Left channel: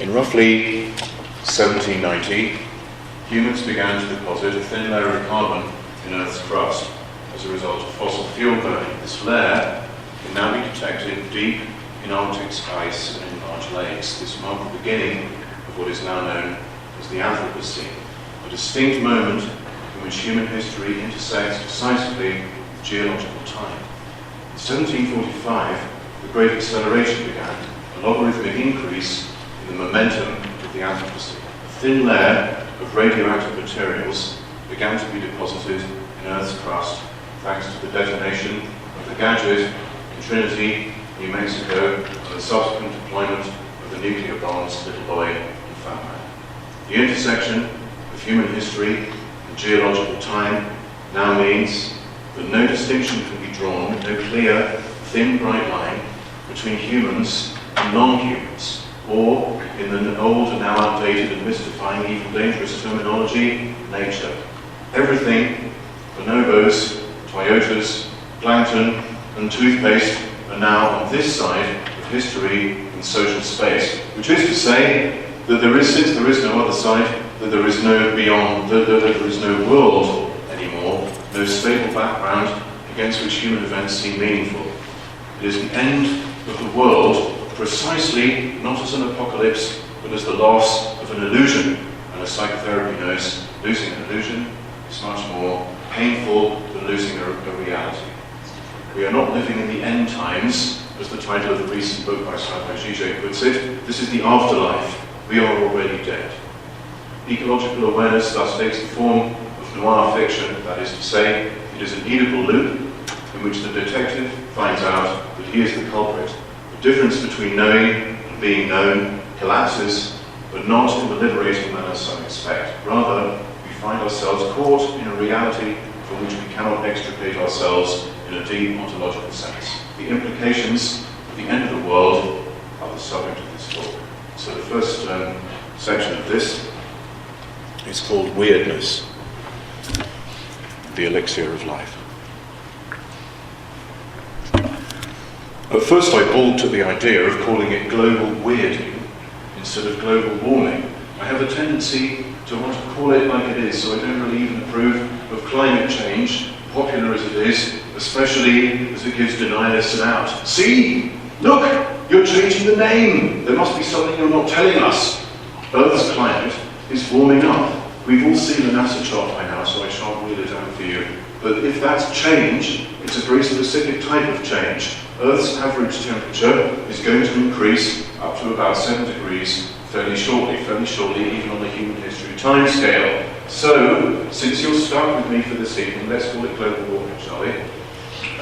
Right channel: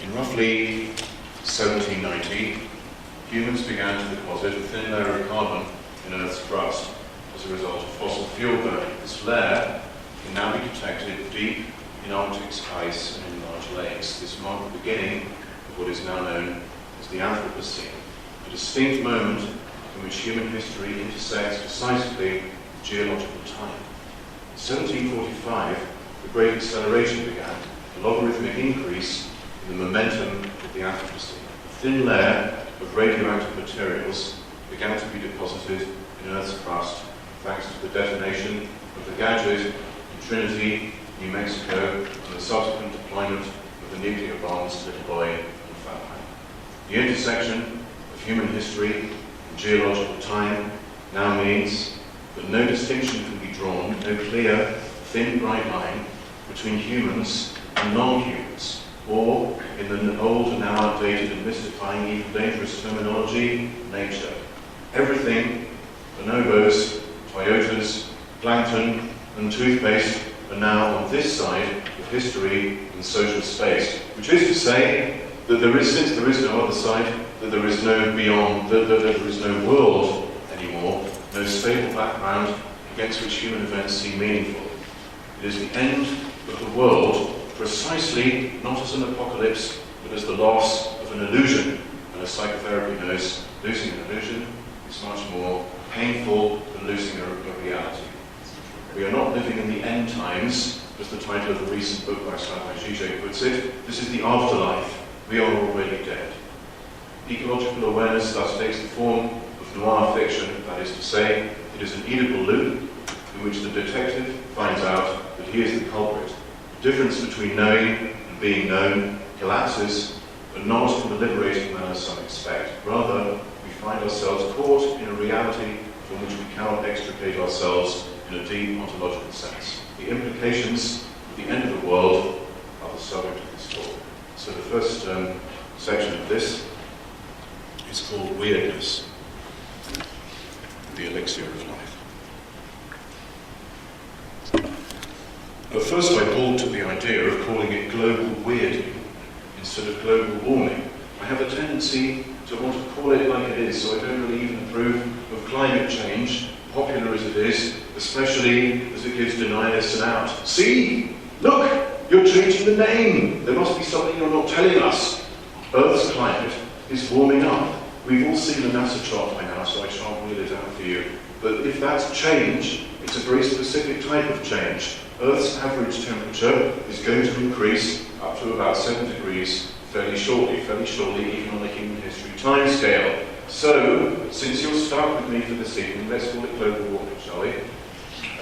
In roughly 1790, humans began to deposit a thin layer of carbon in Earth's crust as a result of fossil fuel burning. This layer can now be detected deep in Arctic ice and in large lakes. This marked the beginning of what is now known as the Anthropocene, a distinct moment in which human history intersects decisively with geological time. In 1745, the Great Acceleration began, a logarithmic increase in the momentum of the Anthropocene. A thin layer of radioactive materials began to be deposited in Earth's crust thanks to the detonation of the gadget in Trinity, New Mexico, and the subsequent deployment of the nuclear bombs Little Boy and Fat Man. The intersection of human history and geological time now means that no distinction can be drawn, no clear, thin, bright line between humans and non-humans, or, in the old and now outdated and mystifying, even dangerous terminology, nature. Everything, bonobos, Toyotas, plankton, and toothpaste are now on this side of history and social space, which is to say that since there is no other side, that there is no beyond, that there is no world anymore, no stable background against which human events seem meaningful. It is the end of the world, precisely not as an apocalypse, but as the loss of an illusion. And as psychotherapy knows, losing an illusion is much more painful than losing a reality. We are not living in the end times, as the title of the recent book by Slavoj Žižek puts it. This is the afterlife. We are already dead. Ecological awareness thus takes the form of noir fiction, that is to say, it is an Oedipal loop in which the detective finds out that he is the culprit. The difference between knowing and being known collapses, but not in the liberating manner some expect. Rather, we find ourselves caught in a reality from which we cannot extricate ourselves in a deep ontological sense. The implications of the end of the world are the subject of this talk. So the first section of this is called Weirdness, the elixir of life. At first I balked at the idea of calling it global weirding instead of global warming. I have a tendency to want to call it like it is, so I don't really even approve of climate change, popular as it is, especially as it gives denialists an out. See? Look! You're changing the name! There must be something you're not telling us. Earth's climate is warming up. We've all seen the NASA chart by now, so I shan't wheel it out for you. But if that's change, it's a very specific type of change. Earth's average temperature is going to increase up to about 7 degrees fairly shortly even on the human history timescale. So, since you're stuck with me for this evening, let's call it global warming, shall we?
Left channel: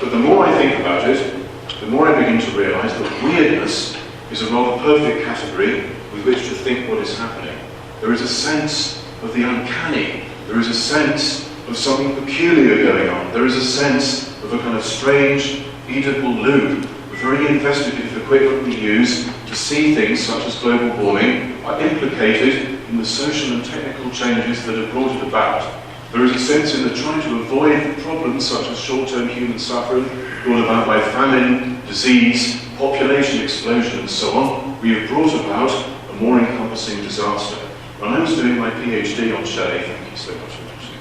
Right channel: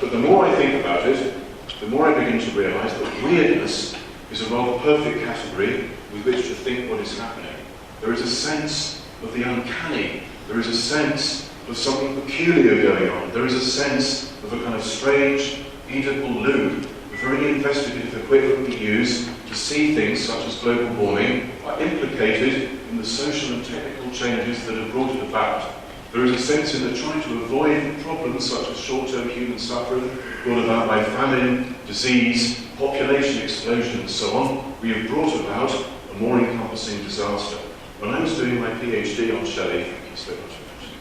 But the more I think about it, the more I begin to realise that weirdness is a rather perfect category with which to think what is happening. There is a sense of the uncanny. There is a sense of something peculiar going on. There is a sense of a kind of strange, Oedipal loop. The very investigative equipment we use to see things such as global warming are implicated in the social and technical changes that have brought it about. There is a sense in that trying to avoid problems such as short-term human suffering brought about by famine, disease, population explosion and so on, we have brought about a more encompassing disaster. When I was doing my PhD on Shelley, thank you so much for finishing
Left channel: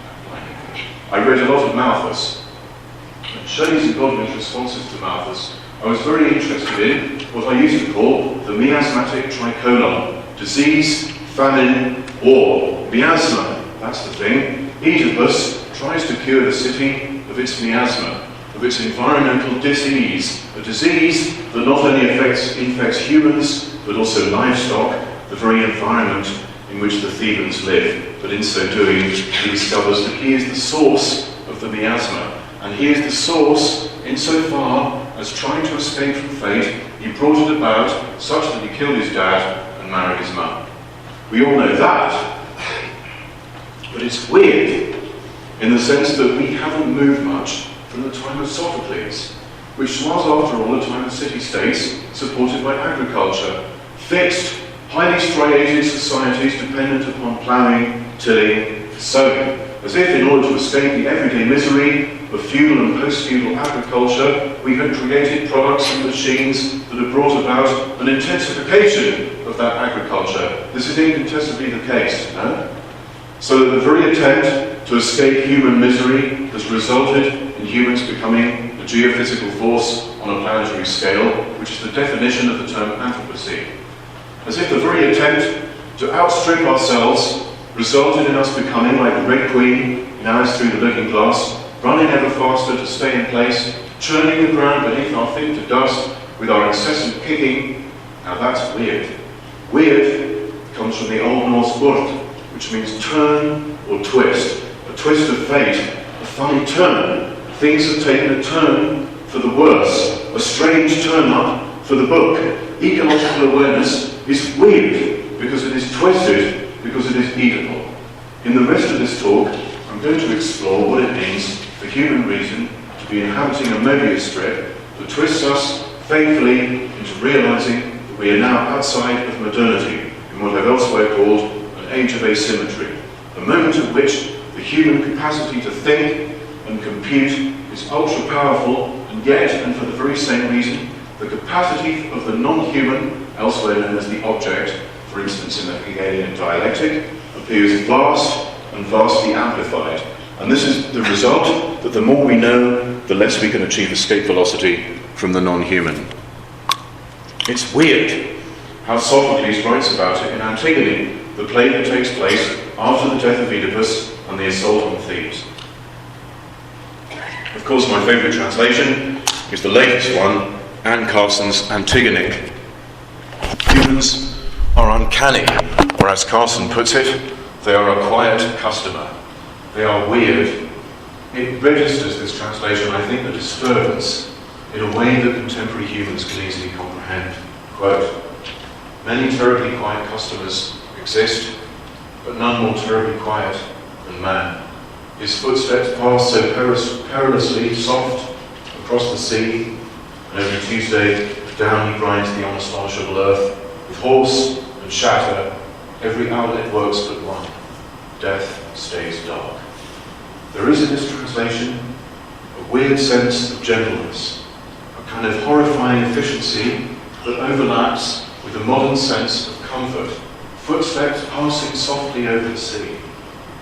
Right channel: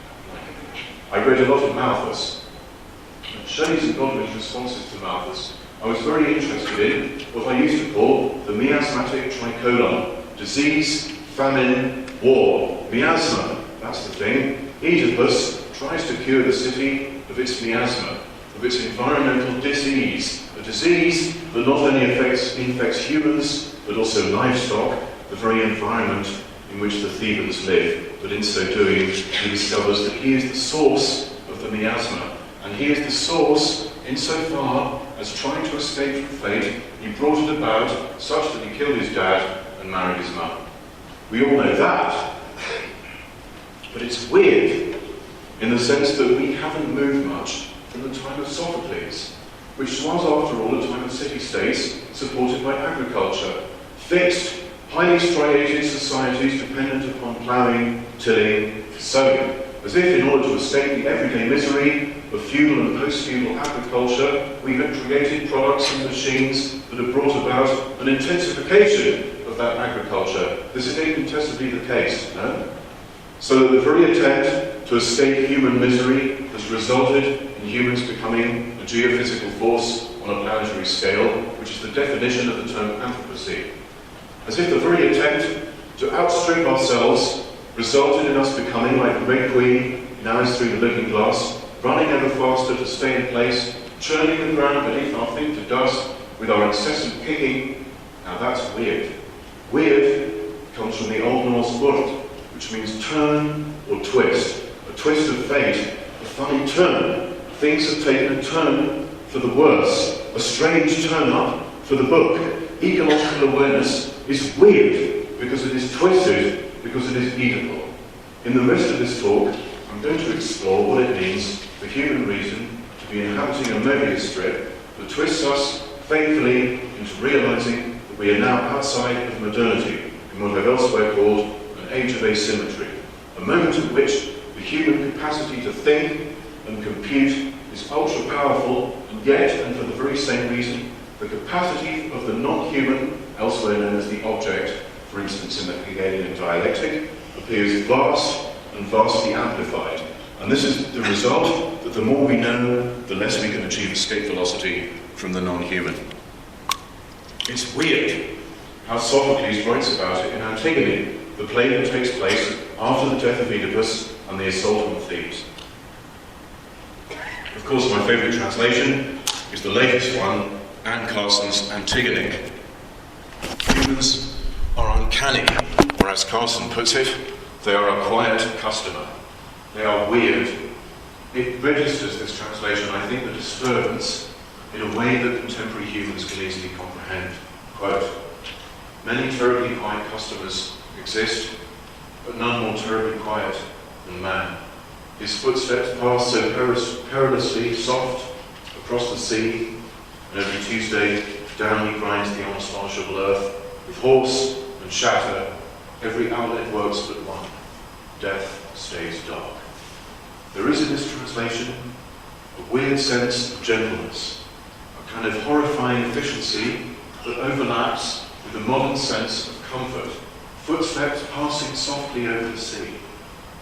that, I read a lot of Malthus. And Shelley's and Godwin's responses to Malthus I was very interested in what I used to call the miasmatic tricolon. Disease, famine, war. Miasma, that's the thing. Oedipus tries to cure the city of its miasma, of its environmental disease. A disease that not only infects humans, but also livestock, the very environment in which the Thebans live. But in so doing, he discovers that he is the source of the miasma. And he is the source insofar as trying to escape from fate, he brought it about such that he killed his dad and married his mum. We all know that. But it's weird in the sense that we haven't moved much from the time of Sophocles, which was, after all, a time of city-states supported by agriculture, fixed, highly striated societies dependent upon ploughing, tilling, sowing, as if in order to escape the everyday misery of feudal and post-feudal agriculture, we had created products and machines that have brought about an intensification of of that agriculture. This is incontestably the case, no? So that the very attempt to escape human misery has resulted in humans becoming a geophysical force on a planetary scale, which is the definition of the term Anthropocene. As if the very attempt to outstrip ourselves resulted in us becoming like the Red Queen in Alice Through the Looking Glass, running ever faster to stay in place, churning the ground beneath our feet to dust with our incessant kicking. Now that's weird. Weird comes from the Old Norse word, which means turn or twist, a twist of fate, a funny turn. Things have taken a turn for the worse, a strange turn up for the book. Ecological awareness is weird because it is twisted, because it is eatable. In the rest of this talk, I'm going to explore what it means for human reason to be inhabiting a Mobius strip that twists us faithfully into realizing that we are now outside of modernity, in what I've elsewhere called an age of asymmetry, a moment at which the human capacity to think and compute is ultra-powerful, and yet, and for the very same reason, the capacity of the non-human, elsewhere known as the object, for instance in the Hegelian dialectic, appears vast and vastly amplified. And this is the result that the more we know, the less we can achieve escape velocity from the non-human. It's weird how Sophocles writes about it in Antigone, the play that takes place after the death of Oedipus and the assault on Thebes. Of course, my favourite translation is the latest one, Anne Carson's Antigone. Humans are uncanny, or as Carson puts it, they are a quiet customer. They are weird. It registers, this translation, I think, the disturbance in a way that contemporary humans can easily comprehend. Quote, "Many terribly quiet customers exist, but none more terribly quiet than man. His footsteps pass so perilously soft across the sea, and every Tuesday down he grinds the unastonishable earth. With horse and shatter, every outlet works but one. Death stays dark." There is in this translation a weird sense of gentleness, a kind of horrifying efficiency that overlaps with a modern sense of comfort, footsteps passing softly over the sea.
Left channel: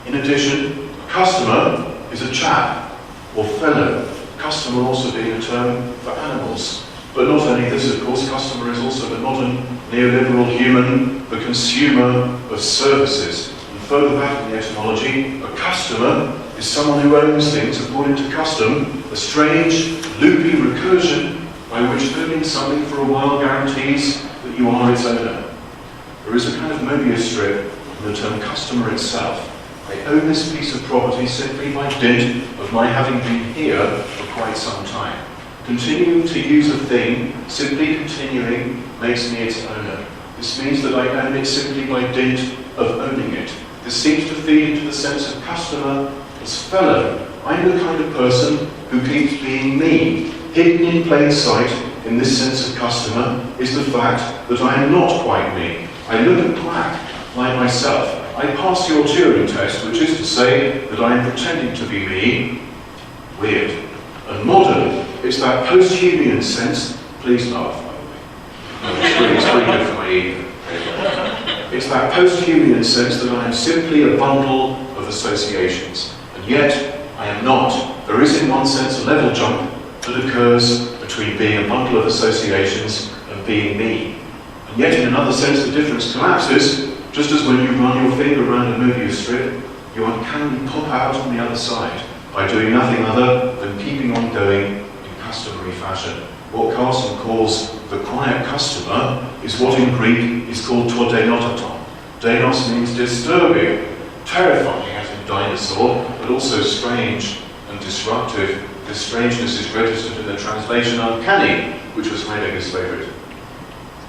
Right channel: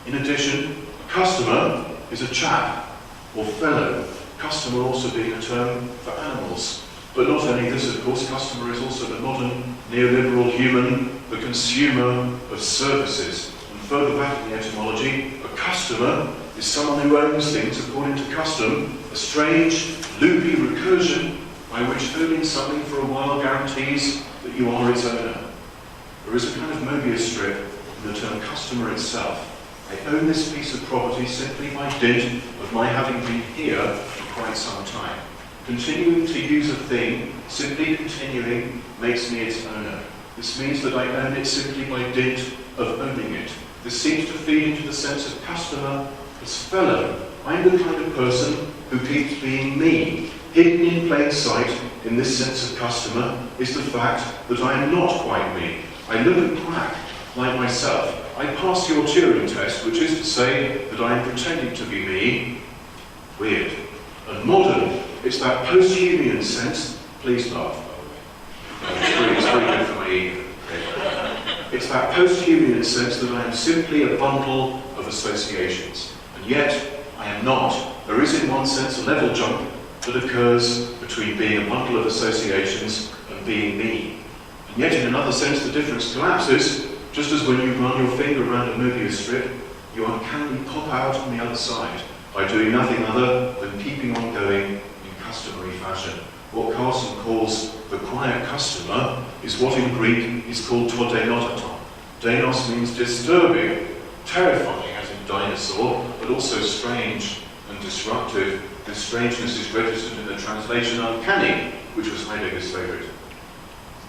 In addition, a customer is a chap or fellow, customer also being a term for animals. But not only this, of course, customer is also the modern neoliberal human, the consumer of services. And further back in the etymology, a customer is someone who owns things according to custom, a strange, loopy recursion by which owning something for a while guarantees that you are its owner. There is a kind of Mobius strip in the term customer itself. I own this piece of property simply by dint of my having been here for quite some time. Continuing to use a thing, simply continuing, makes me its owner. This means that I own it simply by dint of owning it. This seems to feed into the sense of customer as fellow. I'm the kind of person who keeps being me. Hidden in plain sight in this sense of customer is the fact that I am not quite me. I look and quack like myself. I pass your Turing test, which is to say that I am pretending to be me. Weird. And modern is that post-Humean sense. Please laugh, by the way. It's pretty good for my ego. It's that post-Humean sense that I am simply a bundle of associations. And yet, I am not. There is in one sense a level jump that occurs between being a bundle of associations and being me. And yet in another sense the difference collapses, just as when you run your finger around a Mobius strip, you uncannily pop out on the other side by doing nothing other than keeping on going in customary fashion. What Carson calls the quiet customer is what in Greek is called to denotaton. Denos means disturbing, terrifying as in dinosaur, but also strange and disruptive. This strangeness is registered in the translation uncanny, which was Heidegger's favourite.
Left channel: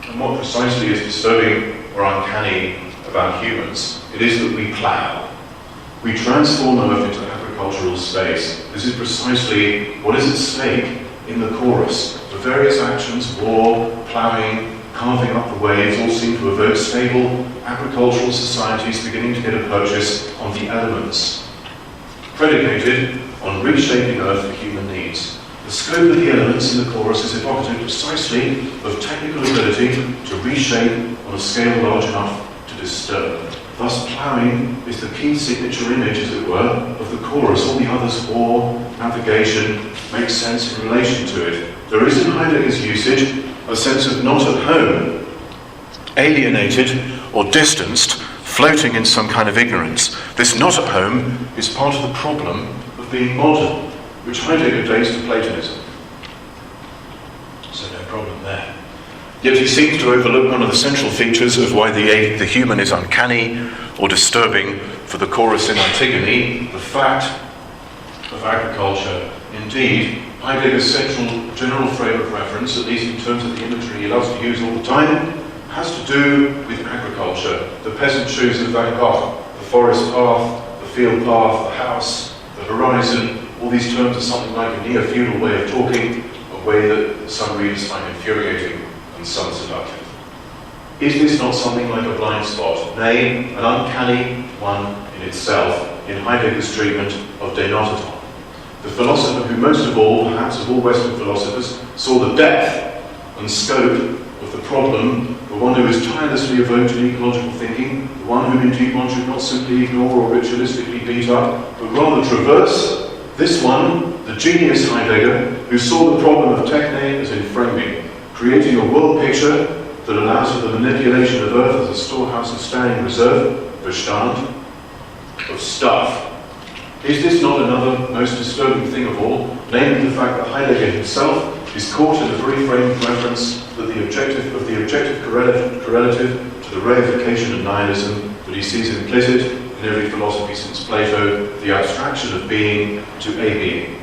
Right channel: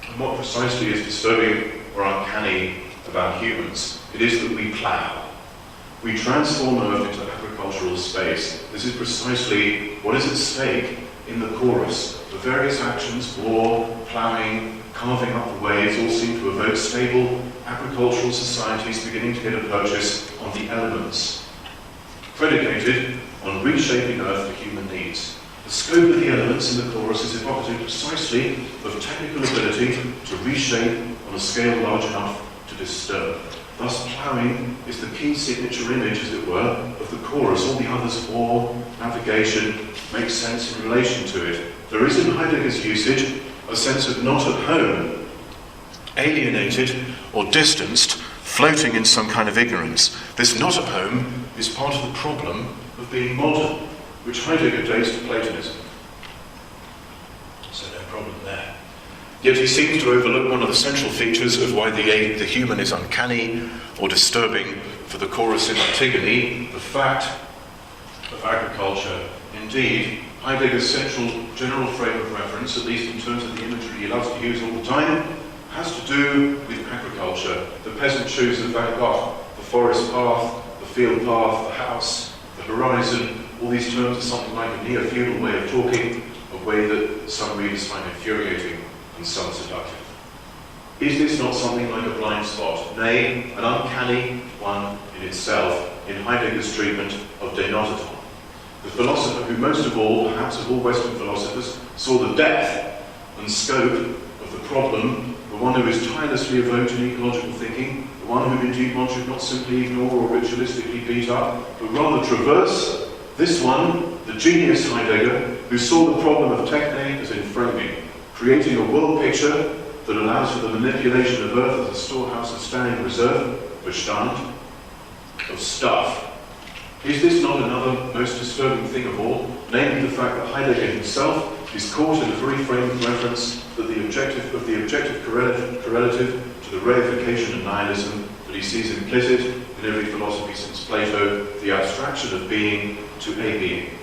And what precisely is disturbing or uncanny about humans? It is that we plough. We transform Earth into agricultural space. This is precisely what is at stake in the chorus. The various actions, war, ploughing, carving up the waves, all seem to evoke stable agricultural societies beginning to get a purchase on the elements, predicated on reshaping Earth for human needs. The scope of the elements in the chorus is evocative precisely of technical ability to reshape on on a scale large enough to disturb. Thus ploughing is the key signature image, as it were, of the chorus. All the others, war, navigation, make sense in relation to it. There is in Heidegger's usage a sense of not at home, alienated or distanced, floating in some kind of ignorance. This not at home is part of the problem of being modern, which Heidegger dates to Platonism. So no problem there. Yet he seems to overlook one of the central features of why the human is uncanny or disturbing for the chorus in Antigone, the fact of agriculture. Indeed, Heidegger's central general frame of reference, at least in terms of the imagery he loves to use all the time, has to do with agriculture. The peasant shoes of Van Gogh, the forest path, the field path, the house, the horizon. All these terms are something like a neo-feudal way of talking, a way that some readers find infuriating and some seductive. Is this not something like a blind spot, nay, an uncanny one in itself, in Heidegger's treatment of De Notaton? The philosopher who most of all, perhaps of all Western philosophers, saw the depth and scope of the problem, the one who is tirelessly evoked in ecological thinking, the one whom indeed one should not simply ignore or ritualistically beat up, but rather traverse, this one, the genius Heidegger, who saw the problem of techne as in framing, creating a world picture that allows for the manipulation of earth as a storehouse of standing reserve, Bestand, of stuff. Is this not another most disturbing thing of all, namely the fact that Heidegger himself is caught in the very frame of reference that the objective correlative to the reification of nihilism that he sees implicit in every philosophy since Plato, the abstraction of being to a being.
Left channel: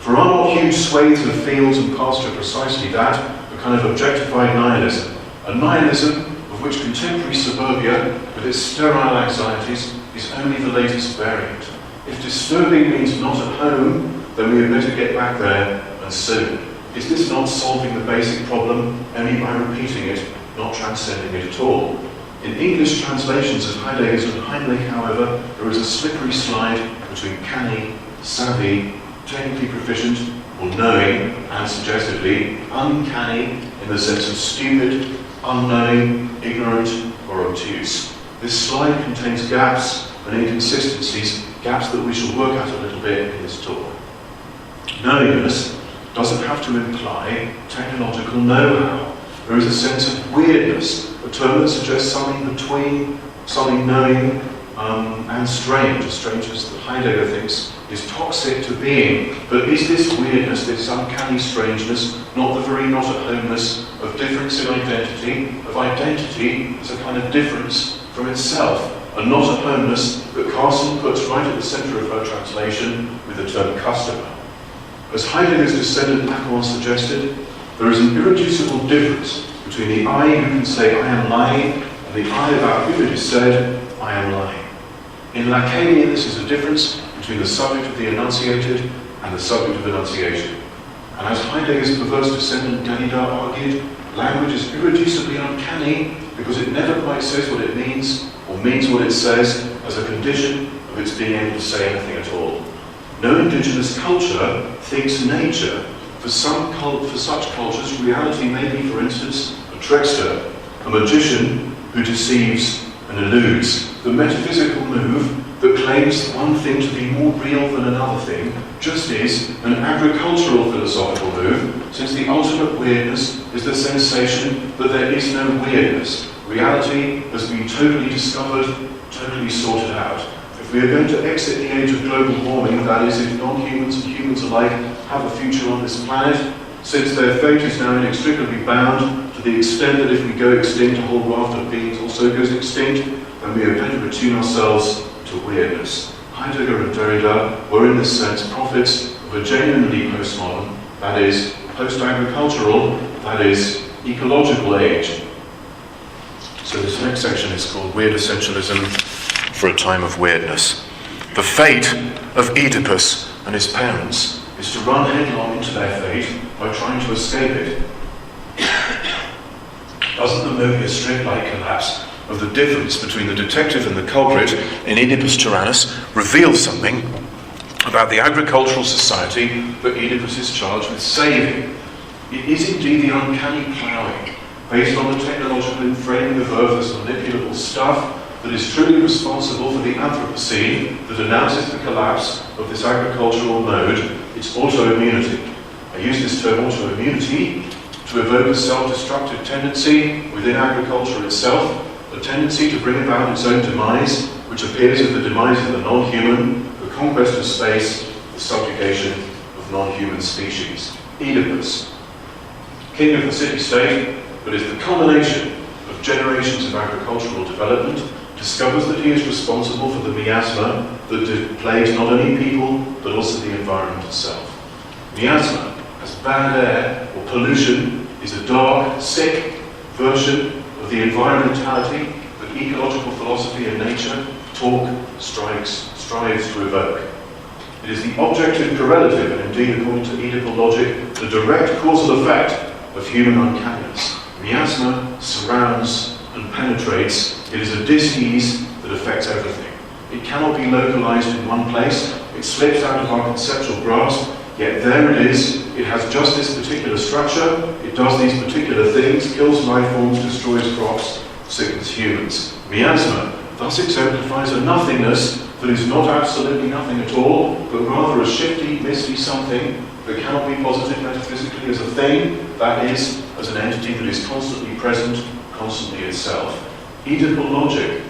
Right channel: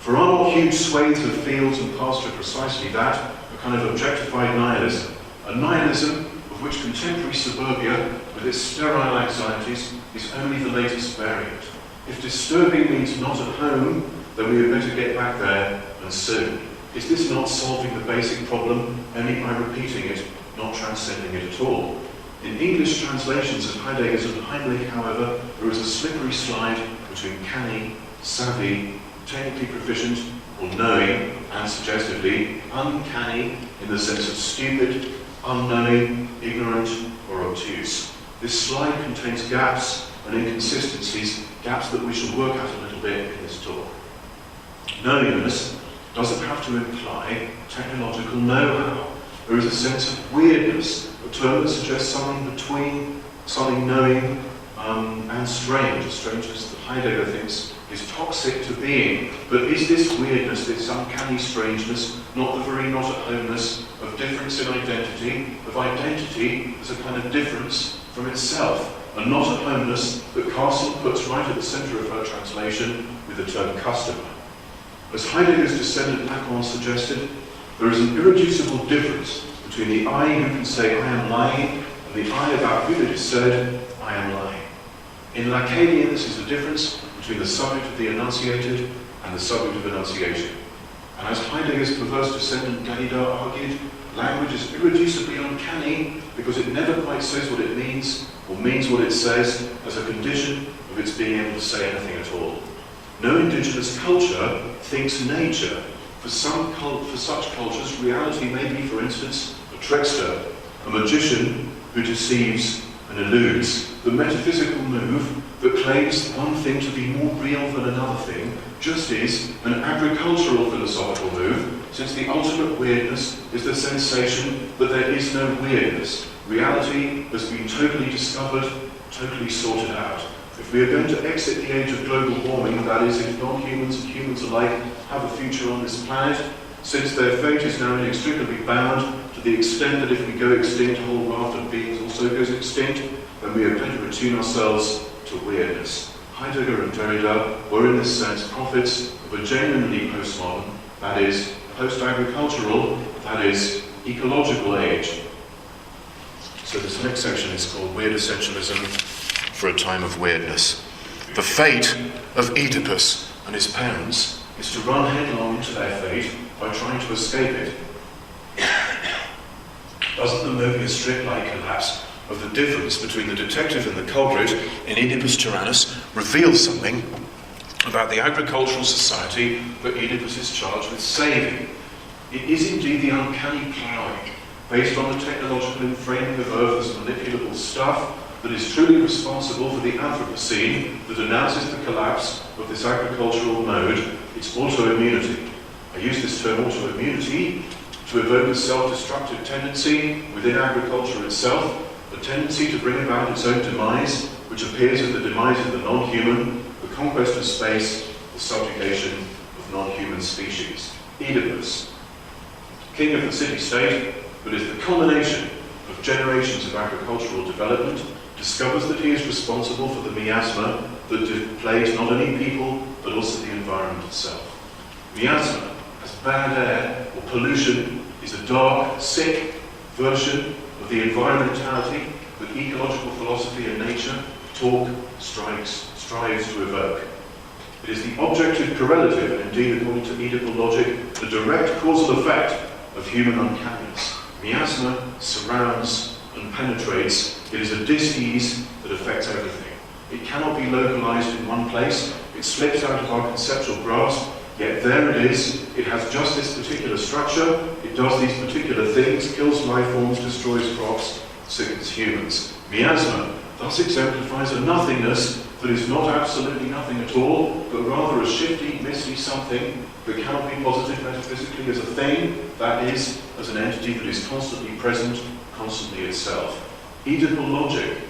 For are not huge swathes of fields and pasture precisely that, a kind of objectified nihilism, a nihilism of which contemporary suburbia, with its sterile anxieties, is only the latest variant. If disturbing means not at home, then we had better get back there, and soon. Is this not solving the basic problem only by repeating it, not transcending it at all? In English translations of Heidegger's and Heinrich, however, there is a slippery slide between canny, savvy, technically proficient, or knowing, and suggestively, uncanny in the sense of stupid, unknowing, ignorant, or obtuse. This slide contains gaps and inconsistencies, gaps that we shall work at a little bit in this talk. Knowingness doesn't have to imply technological know-how. There is a sense of weirdness, a term that suggests something between something knowing and strange, as strange as Heidegger thinks is toxic to being. But is this weirdness, this uncanny strangeness, not the very not-at-homeness of difference in identity, of identity as a kind of difference from itself, a not-at-homeness that Carson puts right at the centre of her translation with the term customer? As Heidegger's descendant Lacan suggested, there is an irreducible difference between the I who can say I am lying and the I about whom it is said I am lying. In Lacanian, this is a difference between the subject of the enunciated and the subject of enunciation. And as Heidegger's perverse descendant Derrida argued, language is irreducibly uncanny because it never quite says what it means or means what it says as a condition of its being able to say anything at all. No indigenous culture thinks nature. For such cultures, reality may be, for instance, a trickster, a magician who deceives and eludes. The metaphysical move that claims one thing to be more real than another thing just is an agricultural philosophical move, since the ultimate weirdness is the sensation that there is no weirdness. Reality has been totally discovered, totally sorted out. If we are going to exit the age of global warming, that is, if non-humans and humans alike have a future on this planet, since their fate is now inextricably bound to the extent that if we go extinct, a whole raft of beings also goes extinct, then we had better attune ourselves to weirdness. Heidegger and Derrida were in this sense prophets of a genuinely postmodern, that is, post-agricultural, that is, ecological age. So this next section is called Weird Essentialism for a Time of Weirdness. The fate of Oedipus and his parents is to run headlong into their fate by trying to escape it. Doesn't the Mobius strip-like collapse of the difference between the detective and the culprit in Oedipus Tyrannus reveal something about the agricultural society that Oedipus is charged with saving? It is indeed the uncanny ploughing, based on the technological framing of Earth as manipulable stuff, that is truly responsible for the Anthropocene that announces the collapse of this agricultural mode, it's autoimmunity. I use this term autoimmunity to evoke a self-destructive tendency within agriculture itself, a tendency to bring about its own demise, which appears as the demise of the non-human, the conquest of space, the subjugation of non-human species. Oedipus, king of the city-state, but is the culmination of generations of agricultural development, discovers that he is responsible for the miasma that plagues not only people, but also the environment itself. Miasma, as bad air or pollution, is a dark, sick version of the environmentality that ecological philosophy and nature strives to evoke. It is the objective correlative, and indeed, according to Oedipal logic, the direct causal effect of human uncanniness. Miasma surrounds and penetrates. It is a dis-ease that affects everything. It cannot be localized in one place. It slips out of our conceptual grasp, yet there it is. It has just this particular structure. It does these particular things, kills life forms, destroys crops, sickens humans. Miasma thus exemplifies a nothingness that is not absolutely nothing at all, but rather a shifty, misty something that cannot be posited metaphysically as a thing, that is, as an entity that is constantly present, constantly itself. Oedipal logic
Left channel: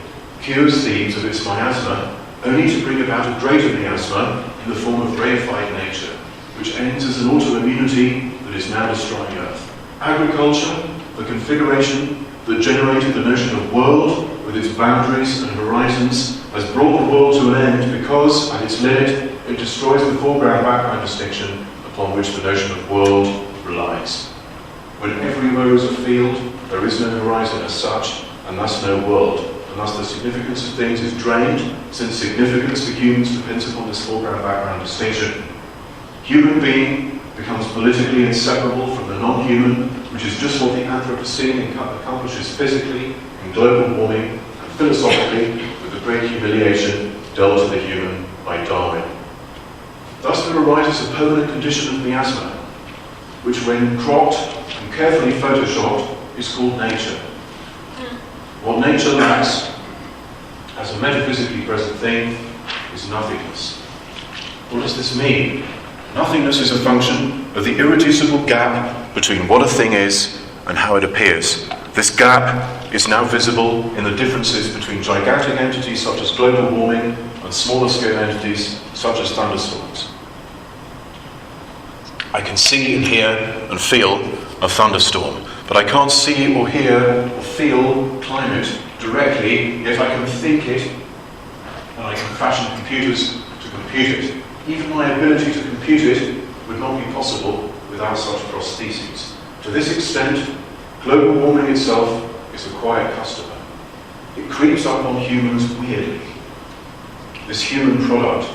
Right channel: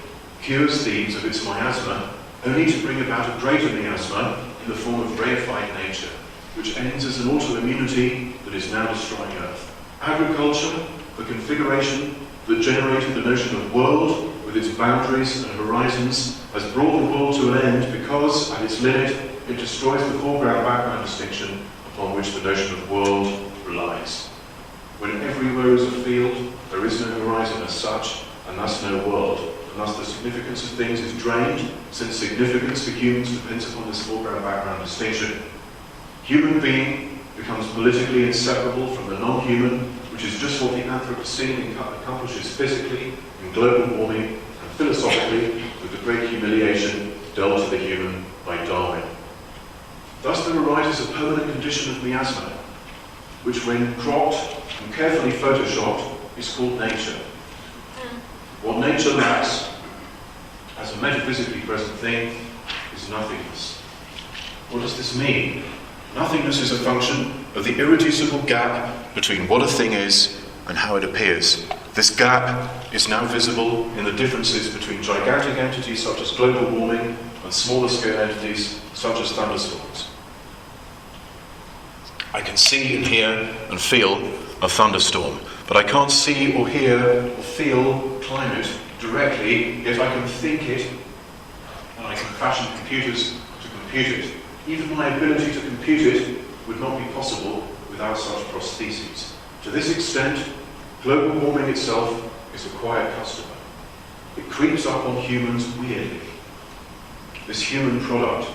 cures Thebes of its miasma, only to bring about a greater miasma in the form of reified nature, which ends as an autoimmunity that is now destroying Earth. Agriculture, the configuration that generated the notion of world with its boundaries and horizons, has brought the world to an end because, at its limit, it destroys the foreground-background distinction upon which the notion of world relies. When everywhere is a field, there is no horizon as such, and thus no world, and thus the significance of things is drained, since significance for humans depends upon this foreground-background distinction. Human being becomes politically inseparable from the non-human, which is just what the Anthropocene accomplishes physically, in global warming, and philosophically, with the great humiliation dealt to the human by Darwin. Thus there arises a permanent condition of miasma, which when cropped and carefully photoshopped is called nature. What nature lacks, as a metaphysically present thing, is nothingness. What does this mean? Nothingness is a function of the irreducible gap between what a thing is and how it appears. This gap is now visible in the differences between gigantic entities such as global warming and smaller scale entities such as thunderstorms. I can see and hear and feel a thunderstorm, but I can't see or hear or feel climate directly, yet I can think it, and I can fashion computers to compute it. Even my ability to compute it would not be possible without such prostheses. To this extent, global warming itself is a quiet customer. It creeps up on humans weirdly. This human product,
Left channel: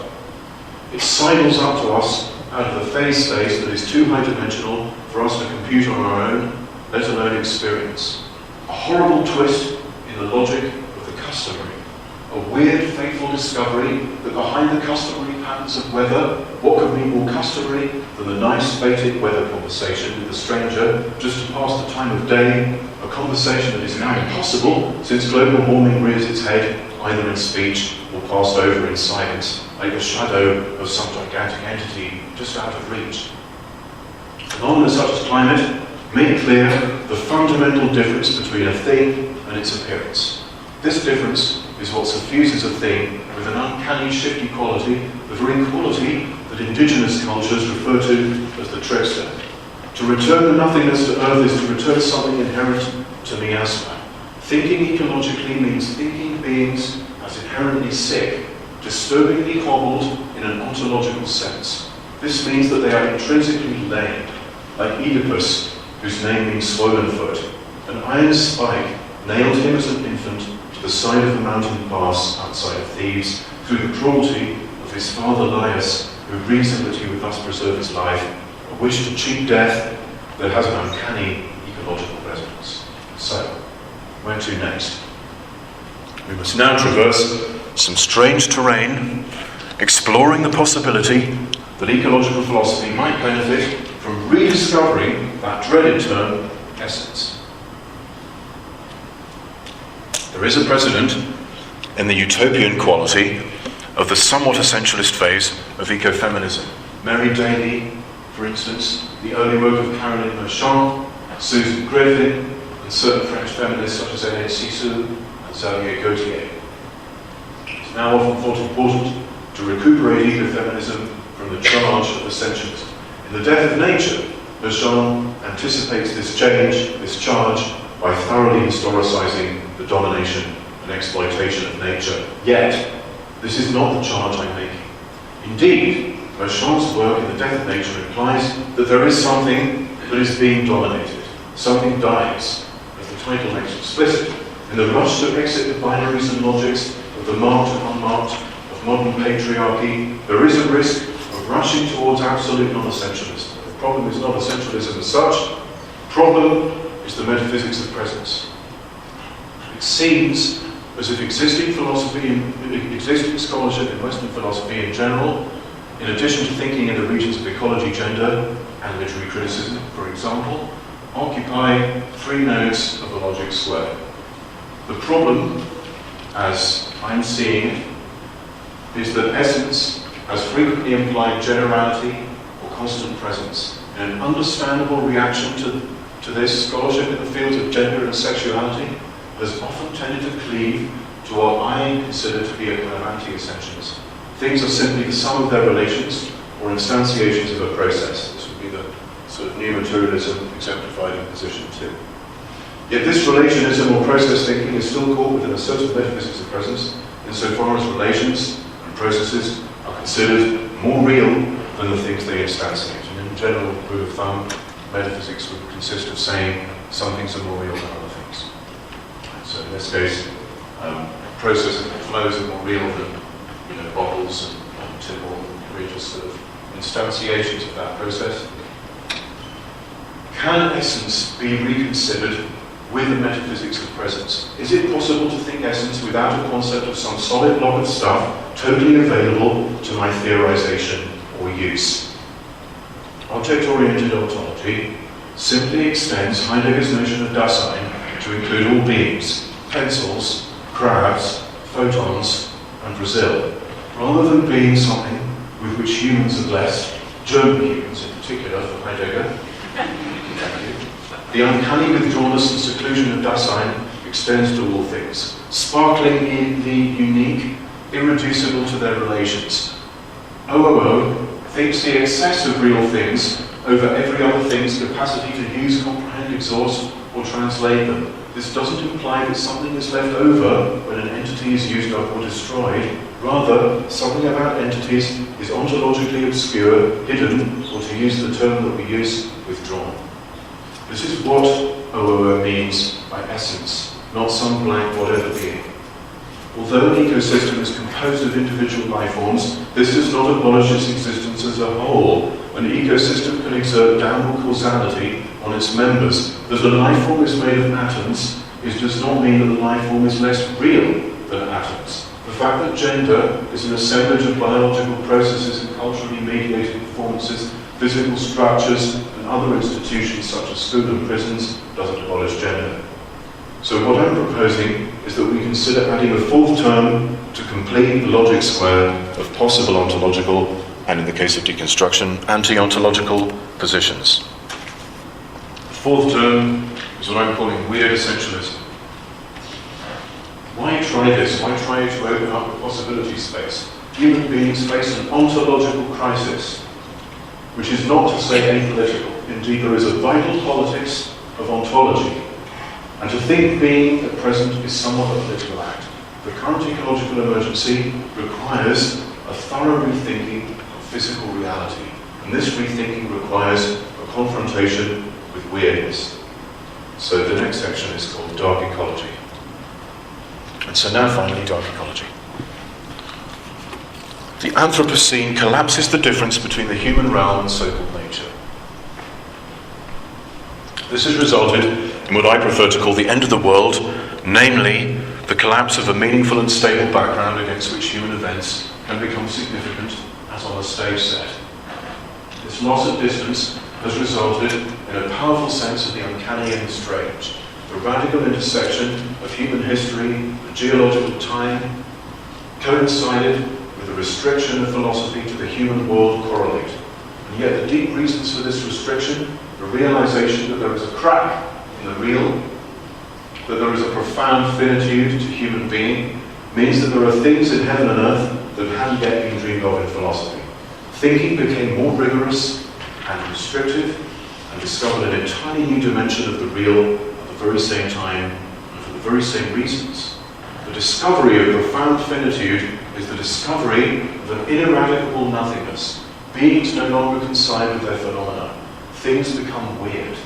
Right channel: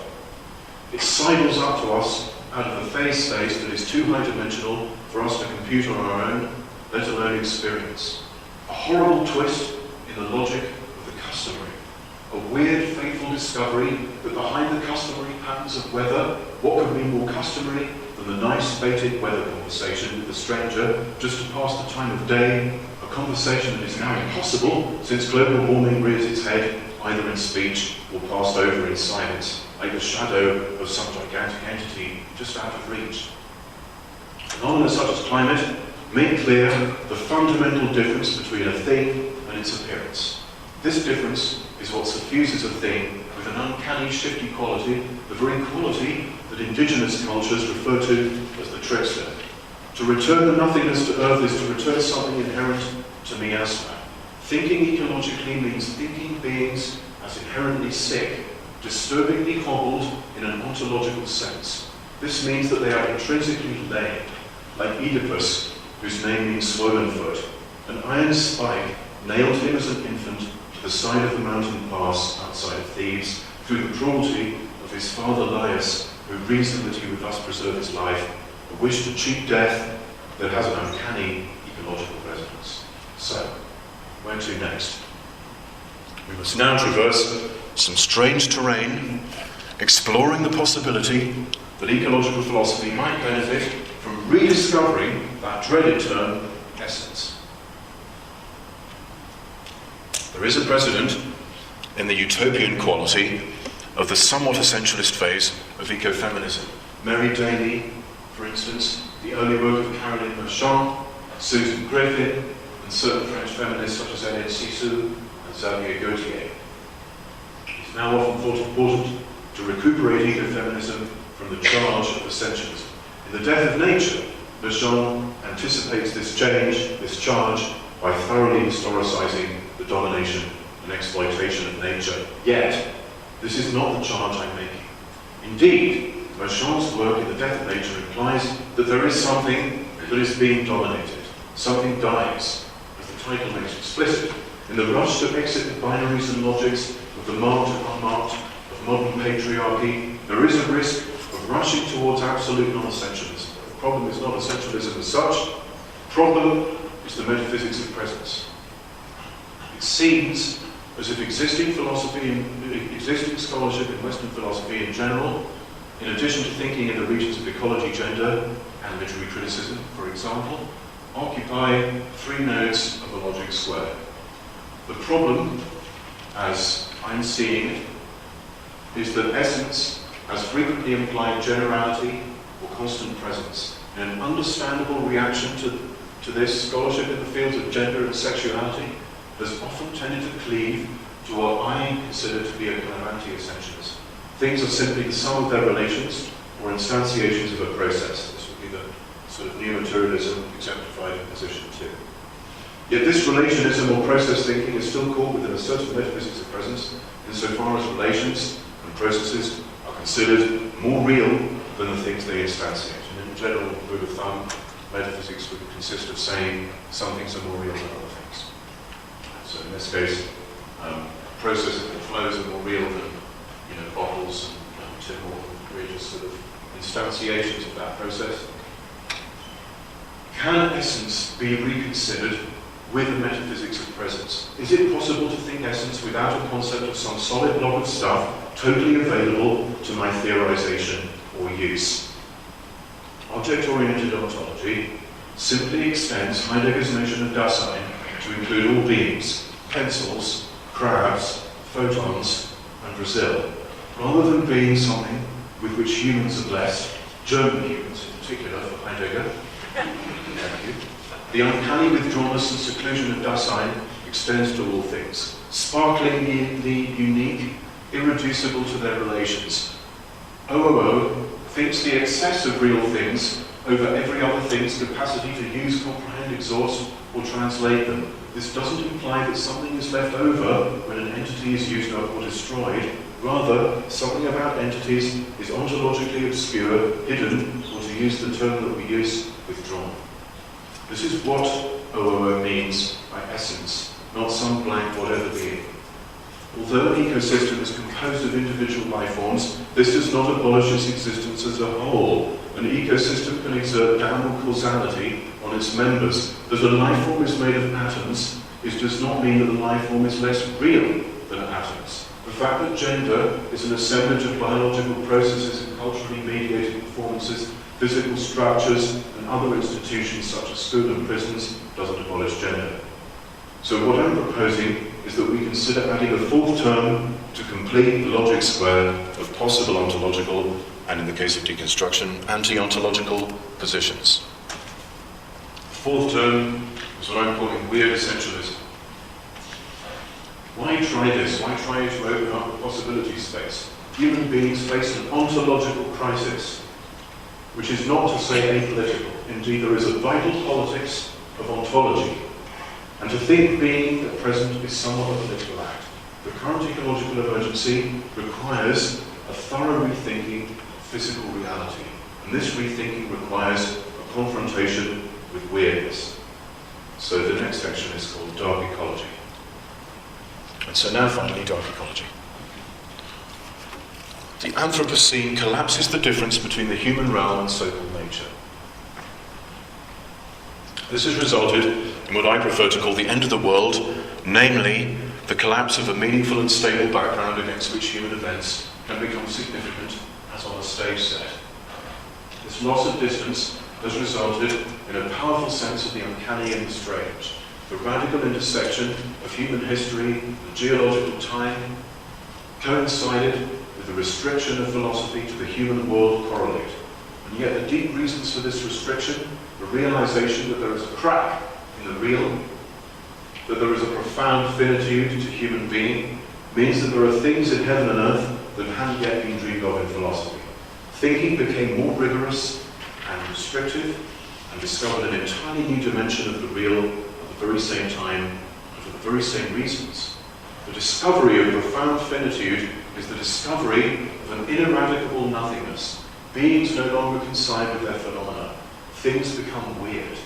it sidles up to us out of a phase space that is too high-dimensional for us to compute on our own, let alone experience. A horrible twist in the logic of the customary. A weird, fateful discovery that behind the customary patterns of weather, what could be more customary than the nice, fated weather conversation with a stranger just to pass the time of day, a conversation that is now impossible since global warming rears its head either in speech or passed over in silence, like a shadow of some gigantic entity just out of reach. Phenomena such as climate make clear the fundamental difference between a thing and its appearance. This difference is what suffuses a thing with an uncanny shifty quality, the very quality that indigenous cultures refer to as the trickster. To return the nothingness to Earth is to return something inherent to miasma. Thinking ecologically means thinking beings as inherently sick, disturbingly hobbled in an ontological sense. This means that they are intrinsically lame, like Oedipus, whose name means swollen foot. An iron spike nailed him as an infant to the side of the mountain pass outside of Thebes through the cruelty of his father Laius, who reasoned that he would thus preserve his life, a wish to cheat death that has an uncanny ecological resonance. So, where to next? We must now traverse some strange terrain, exploring the possibility that ecological philosophy might benefit from rediscovering that dreaded term, essence. There is a precedent in the utopian quality of the somewhat essentialist phase of ecofeminism. Mary Daly, for instance, the early work of Caroline Merchant, Susan Griffin, and certain French feminists such as Hélène Cixous and Xavier Gauthier. It is now often thought important to recuperate ecofeminism from the charge of essentialism. In The Death of Nature, Merchant anticipates this change, this charge, by thoroughly historicizing the domination and exploitation of nature. Yet, this is not the charge I'm making. Indeed, Merchant's work in The Death of Nature implies that there is something that is being dominated. Something dies, as the title makes explicit. In the rush to exit the binaries and logics of the marked and unmarked of modern patriarchy, there is a risk of rushing towards absolute non-essentialism. The problem is not essentialism as such. The problem is the metaphysics of presence. It seems as if existing scholarship in Western philosophy in general, in addition to thinking in the regions of ecology, gender, and literary criticism, for example, occupy 3 nodes of the logic square. The problem, as I'm seeing it, is that essence has frequently implied generality or constant presence. In an understandable reaction to this, scholarship in the fields of gender and sexuality has often tended to cleave to what I consider to be a kind of anti-essentialism. Things are simply the sum of their relations or instantiations of a process. This would be the sort of new materialism exemplified in position 2. Yet this relationism or process thinking is still caught within a certain metaphysics of presence, insofar as relations and processes are considered more real than the things they instantiate. And in general, rule of thumb, metaphysics would consist of saying some things are more real than other things. So in this case, processes and flows are more real than bottles and Tim Morton, we're just sort of instantiations of that process. Can essence be reconsidered with the metaphysics of presence? Is it possible to think essence without a concept of some solid block of stuff totally available to my theorization or use? Object-oriented ontology simply extends Heidegger's notion of Dasein to include all beings, pencils, crabs, photons, and Brazil, rather than being something with which humans are blessed, German humans in particular for Heidegger. Thank you. The uncanny withdrawnness and seclusion of Dasein extends to all things, sparkling in the unique, irreducible to their relations. OOO thinks the excess of real things over every other thing's capacity to use, comprehend, exhaust, or translate them. This doesn't imply that something is left over when an entity is used up or destroyed. Rather, something about entities is ontologically obscure, hidden, or to use the term that we use, withdrawn. This is what OOO means by essence, not some blank whatever being. Although an ecosystem is composed of individual life forms, this does not abolish its existence as a whole. An ecosystem can exert downward causality on its members. That a life form is made of atoms does not mean that the life form is less real than atoms. The fact that gender is an assemblage of biological processes and culturally mediated performances, physical structures, and other institutions such as school and prisons doesn't abolish gender. So what I'm proposing is that we consider adding a 4th term to complete the logic square of possible ontological, and in the case of deconstruction, anti-ontological positions. The 4th term is what I'm calling weird essentialism. Why try this? Why try to open up a possibility space? Human beings face an ontological crisis, which is not to say apolitical. Indeed, there is a vital politics of ontology. And to think being at present is somewhat of a political act. The current ecological emergency requires a thorough rethinking of physical reality. And this rethinking requires a confrontation with weirdness. So the next section is called Dark Ecology. And so now finally, Dark Ecology. The Anthropocene collapses the difference between the human realm and so-called nature. This has resulted in what I prefer to call the end of the world, namely the collapse of a meaningful and stable background against which human events can become significant as on a stage set. This loss of distance has resulted in a powerful sense of the uncanny and the strange. the radical intersection of human history and geological time coincided with the restriction of philosophy to the human world correlate. And yet the deep reasons for this restriction, the realization that there is a crack in the real, that there is a profound finitude to human being, means that there are things in heaven and earth that hadn't yet been dreamed of in philosophy. Thinking became more rigorous and restrictive and discovered an entirely new dimension of the real at the very same time and for the very same reasons. The discovery of profound finitude is the discovery of an ineradicable nothingness. Beings no longer coincide with their phenomena. Things become weird.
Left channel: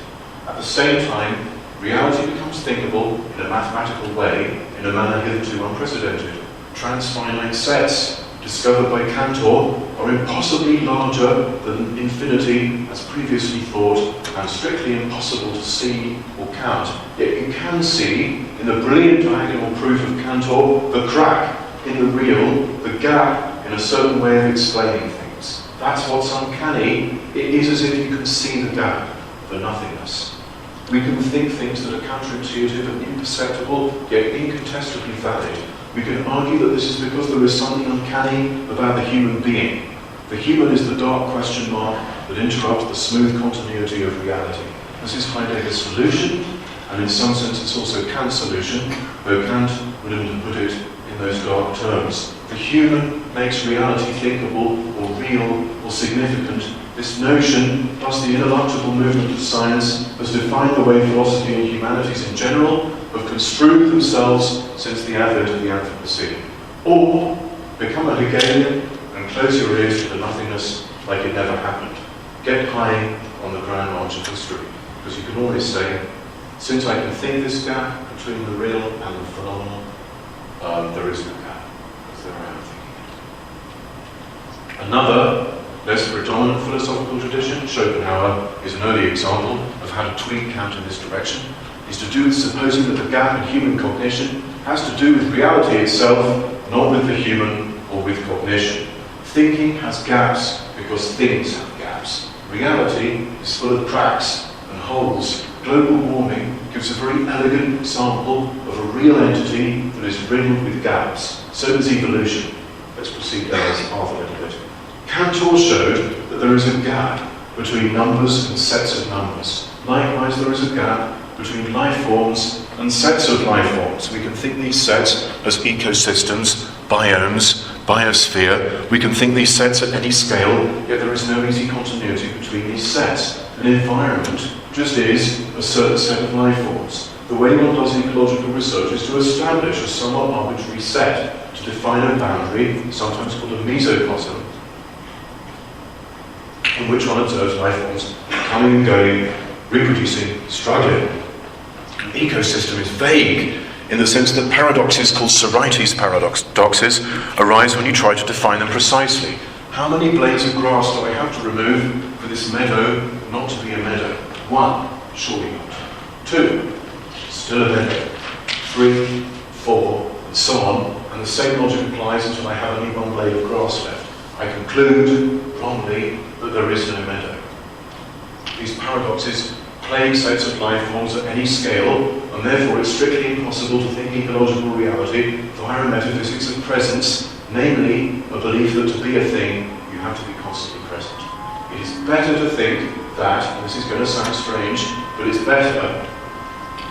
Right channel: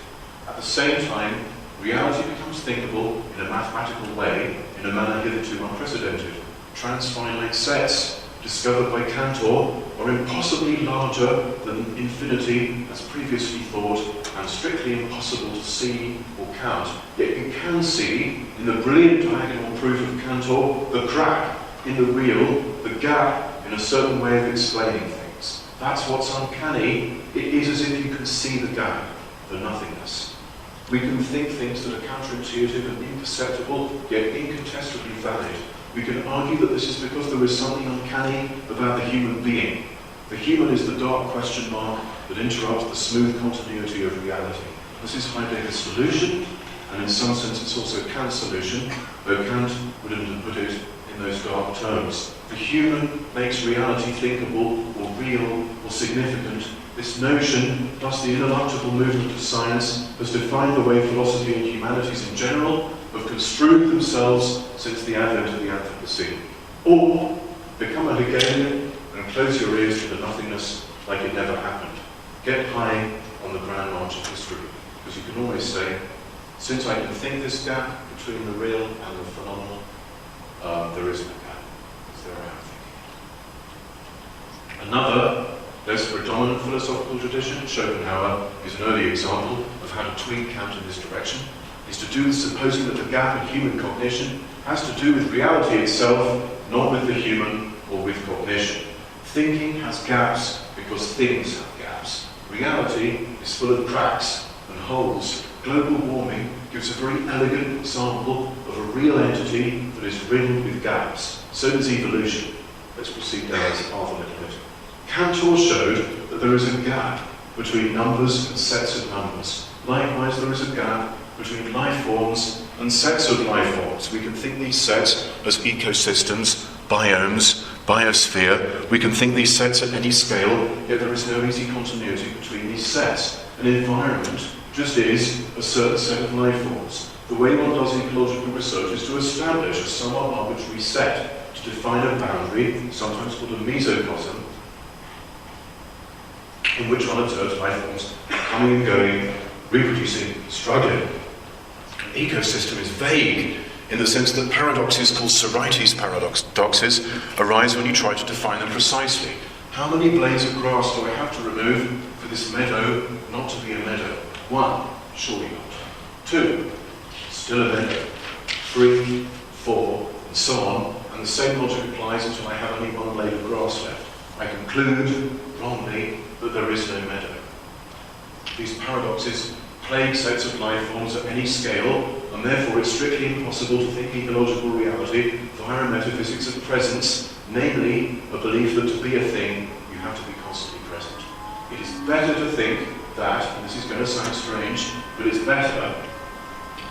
At the same time, reality becomes thinkable in a mathematical way, in a manner hitherto unprecedented. Transfinite sets, discovered by Cantor, are impossibly larger than infinity as previously thought, and strictly impossible to see or count. Yet you can see, in the brilliant diagonal proof of Cantor, the crack in the real, the gap in a certain way of explaining things. That's what's uncanny. It is as if you can see the gap, the nothingness. We can think things that are counterintuitive and imperceptible, yet incontestably valid. We can argue that this is because there is something uncanny about the human being. The human is the dark question mark that interrupts the smooth continuity of reality. This is Heidegger's solution, and in some sense it's also Kant's solution, though Kant wouldn't have put it in those dark terms. The human makes reality thinkable, or real, or significant. This notion, plus the ineluctable movement of science, has defined the way philosophy and humanities in general have construed themselves since the advent of the Anthropocene. Or become a Hegelian and close your ears to the nothingness like it never happened. Get high on the grand march of history, because you can always say, since I can think this gap between the real and the phenomenal, there is no gap, because there I am thinking. Another, less predominant philosophical tradition, Schopenhauer is an early example of how to tweak Kant in this direction, is to do with supposing that the gap in human cognition has to do with reality itself, not with the human or with cognition. Thinking has gaps because things have gaps. Reality is full of cracks and holes. Global warming gives a very elegant example of a real entity that is riddled with gaps. So does evolution. Let's proceed down this path a little bit. Cantor showed that there is a gap between numbers and sets of numbers. Likewise, there is a gap between life forms and sets of life forms. We can think these sets as ecosystems, biomes, biosphere. We can think these sets at any scale, yet there is no easy continuity between these sets. An environment just is a certain set of life forms. The way one does ecological research is to establish a somewhat arbitrary set, to define a boundary, sometimes called a mesocosm, in which one observes life forms coming and going, reproducing, struggling. An ecosystem is vague in the sense that paradoxes called Sorites paradoxes arise when you try to define them precisely. How many blades of grass do I have to remove for this meadow not to be a meadow? 1, surely not. 2, still a meadow. 3, 4, and so on, and the same logic applies until I have only one blade of grass left. I conclude, wrongly, that there is no meadow. These paradoxes plague sets of life forms at any scale, and therefore it's strictly impossible to think ecological reality via a metaphysics of presence, namely a belief that to be a thing, you have to be constantly present. It is better to think that, and this is going to sound strange, but it's better,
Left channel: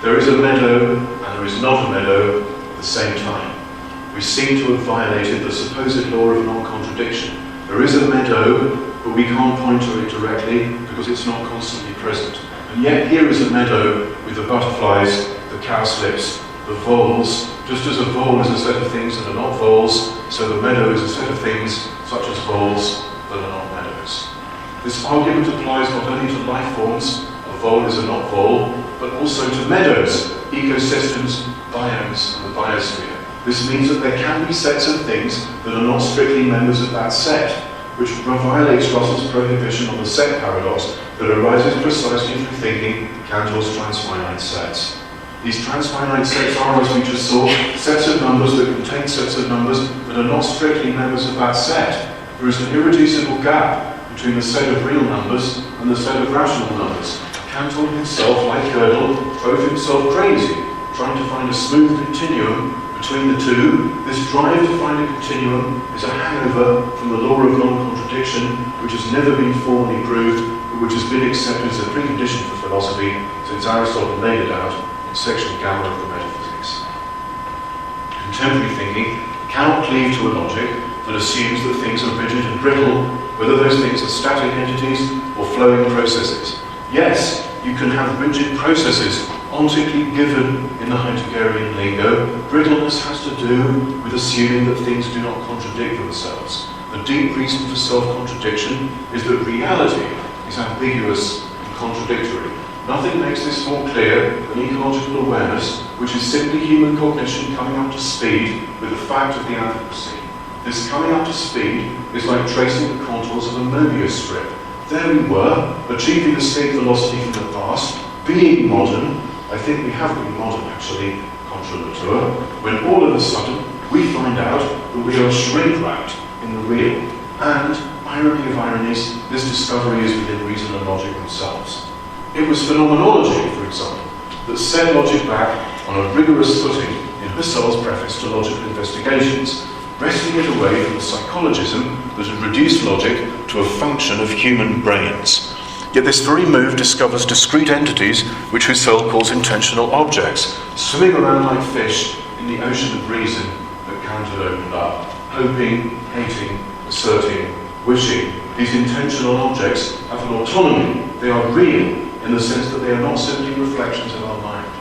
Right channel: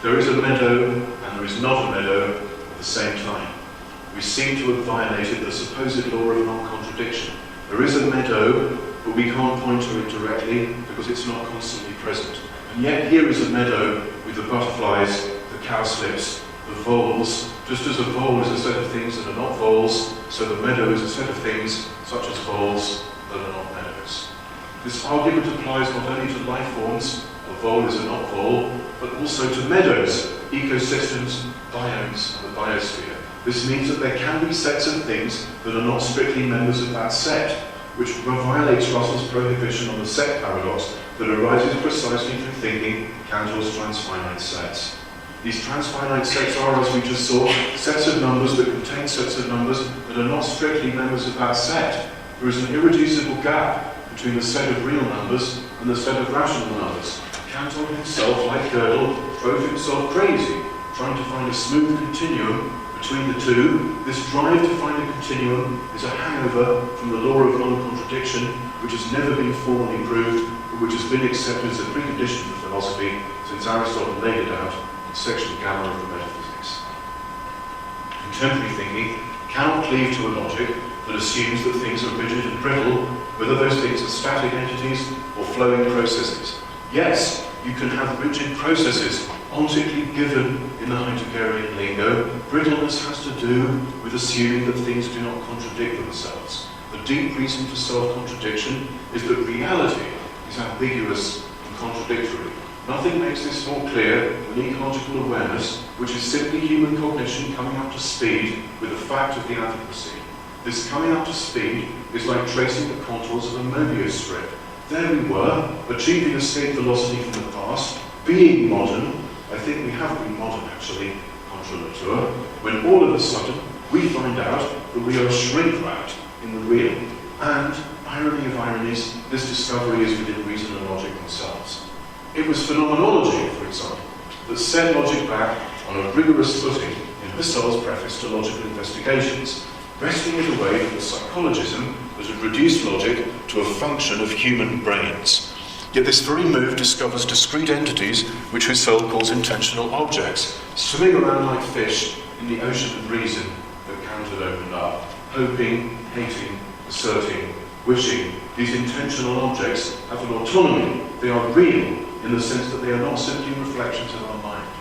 there is a meadow and there is not a meadow at the same time. We seem to have violated the supposed law of non-contradiction. There is a meadow, but we can't point to it directly because it's not constantly present. And yet here is a meadow with the butterflies, the cowslips, the voles. Just as a vole is a set of things that are not voles, so the meadow is a set of things, such as voles, that are not meadows. This argument applies not only to life forms, a vole is a not vole, but also to meadows, ecosystems, biomes, and the biosphere. This means that there can be sets of things that are not strictly members of that set, which violates Russell's prohibition on the set paradox that arises precisely through thinking Cantor's transfinite sets. These transfinite sets are, as we just saw, sets of numbers that contain sets of numbers that are not strictly members of that set. There is an irreducible gap between the set of real numbers and the set of rational numbers. Cantor himself, like Gödel, drove himself crazy, trying to find a smooth continuum between the two. This drive to find a continuum is a hangover from the law of non-contradiction, which has never been formally proved, but which has been accepted as a precondition for philosophy since Aristotle laid it out in section Gamma of the Metaphysics. Contemporary thinking cannot cleave to a logic that assumes that things are rigid and brittle, whether those things are static entities or flowing processes. Yes, you can have rigid processes ontically given in the Heideggerian lingo. Brittleness has to do with assuming that things do not contradict themselves. The deep reason for self-contradiction is that reality is ambiguous and contradictory. Nothing makes this more clear than ecological awareness, which is simply human cognition coming up to speed with the fact of the Anthropocene. This coming up to speed is like tracing the contours of a Mobius strip. There we were, achieving escape velocity from the past, being modern. I think we have been modern actually, contra natura, when all of a sudden we find out that we are shrink-wrapped in the real. And, irony of ironies, this discovery is within reason and logic themselves. It was phenomenology, for example, that set logic back on a rigorous footing in Husserl's preface to Logical Investigations, wresting it away from the psychologism that had reduced logic to a function of human brains. Yet this very move discovers discrete entities which Husserl calls intentional objects, swimming around like fish in the ocean of reason that Kant had opened up, hoping, hating, asserting, wishing. These intentional objects have an autonomy. They are real in the sense that they are not simply reflections of our mind.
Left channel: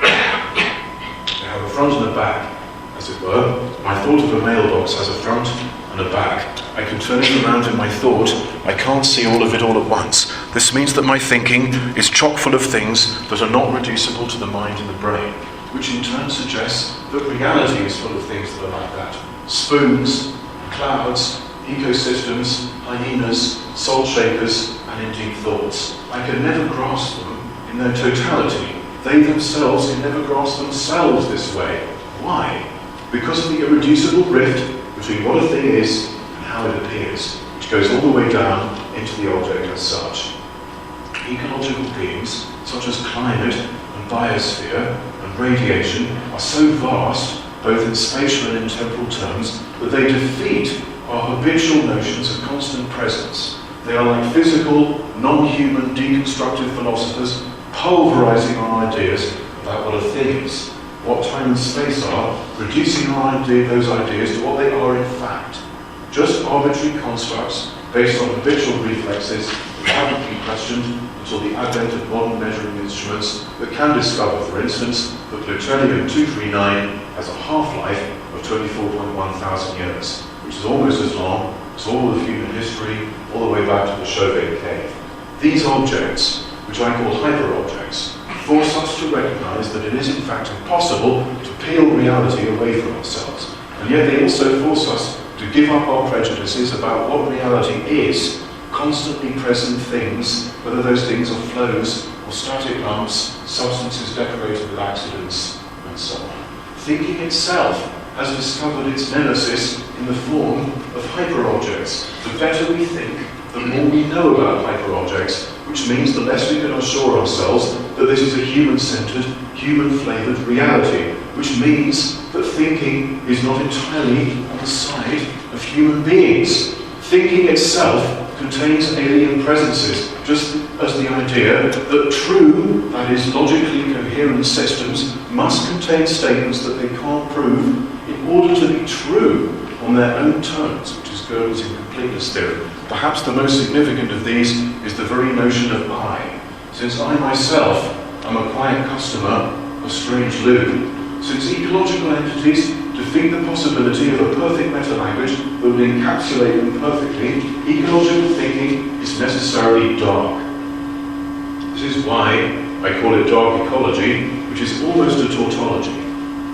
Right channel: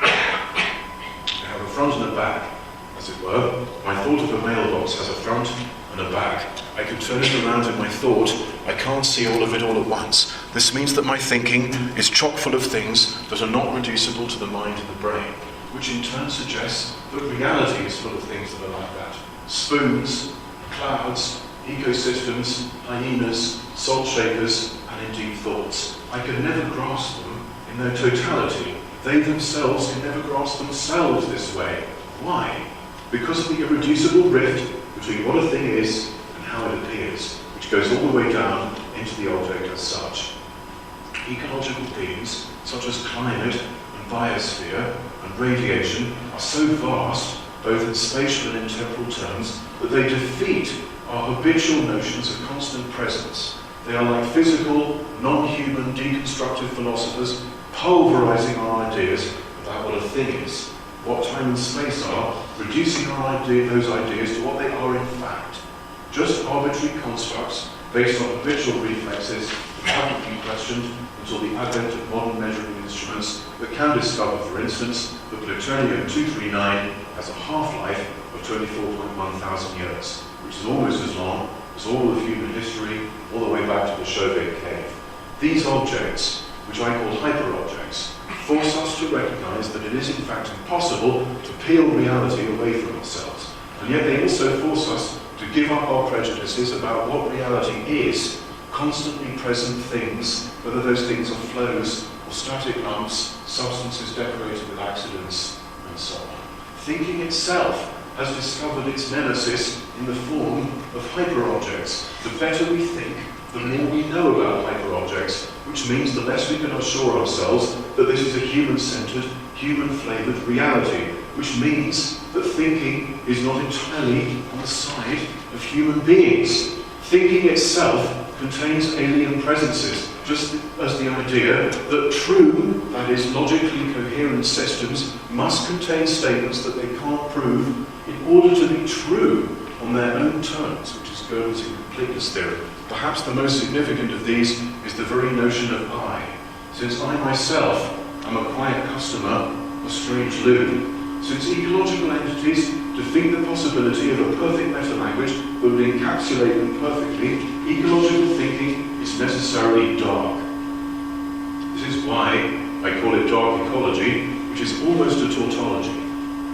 They have a front and a back, as it were. My thought of a mailbox has a front and a back. I can turn it around in my thought. I can't see all of it all at once. This means that my thinking is chock full of things that are not reducible to the mind and the brain, which in turn suggests that reality is full of things that are like that. Spoons, clouds, ecosystems, hyenas, salt shakers, and indeed thoughts. I can never grasp them in their totality. They themselves can never grasp themselves this way. Why? Because of the irreducible rift between what a thing is and how it appears, which goes all the way down into the object as such. Ecological themes, such as climate and biosphere and radiation, are so vast, both in spatial and in temporal terms, that they defeat our habitual notions of constant presence. They are like physical, non-human, deconstructive philosophers pulverizing our ideas about what a thing is, what time and space are, reducing those ideas to what they are in fact. Just arbitrary constructs based on habitual reflexes that haven't been questioned until the advent of modern measuring instruments that can discover, for instance, that plutonium-239 has a half-life of 24.1 thousand years, which is almost as long as all of human history, all the way back to the Chauvet cave. These objects, which I call hyper-objects, force us to recognize that it is in fact impossible to peel reality away from ourselves. And yet they also force us to give up our prejudices about what reality is, constantly present things, whether those things are flows or static lumps, substances decorated with accidents, and so on. Thinking itself has discovered its nemesis in the form of hyperobjects. The better we think, the more we know about hyperobjects, which means the less we can assure ourselves that this is a human-centered, human-flavored reality, which means that thinking is not entirely on the side of human beings. Thinking itself contains alien presences, just as the idea that true, that is logically coherent systems, must contain statements that they can't prove in order to be true on their own terms, which is Gödel's incompleteness theory. Perhaps the most significant of these is the very notion of I. Since I myself am a quiet customer of strange loo, since ecological entities defeat the possibility of a perfect meta-language that would encapsulate them perfectly, ecological thinking is necessarily dark. This is why I call it dark ecology, which is almost a tautology.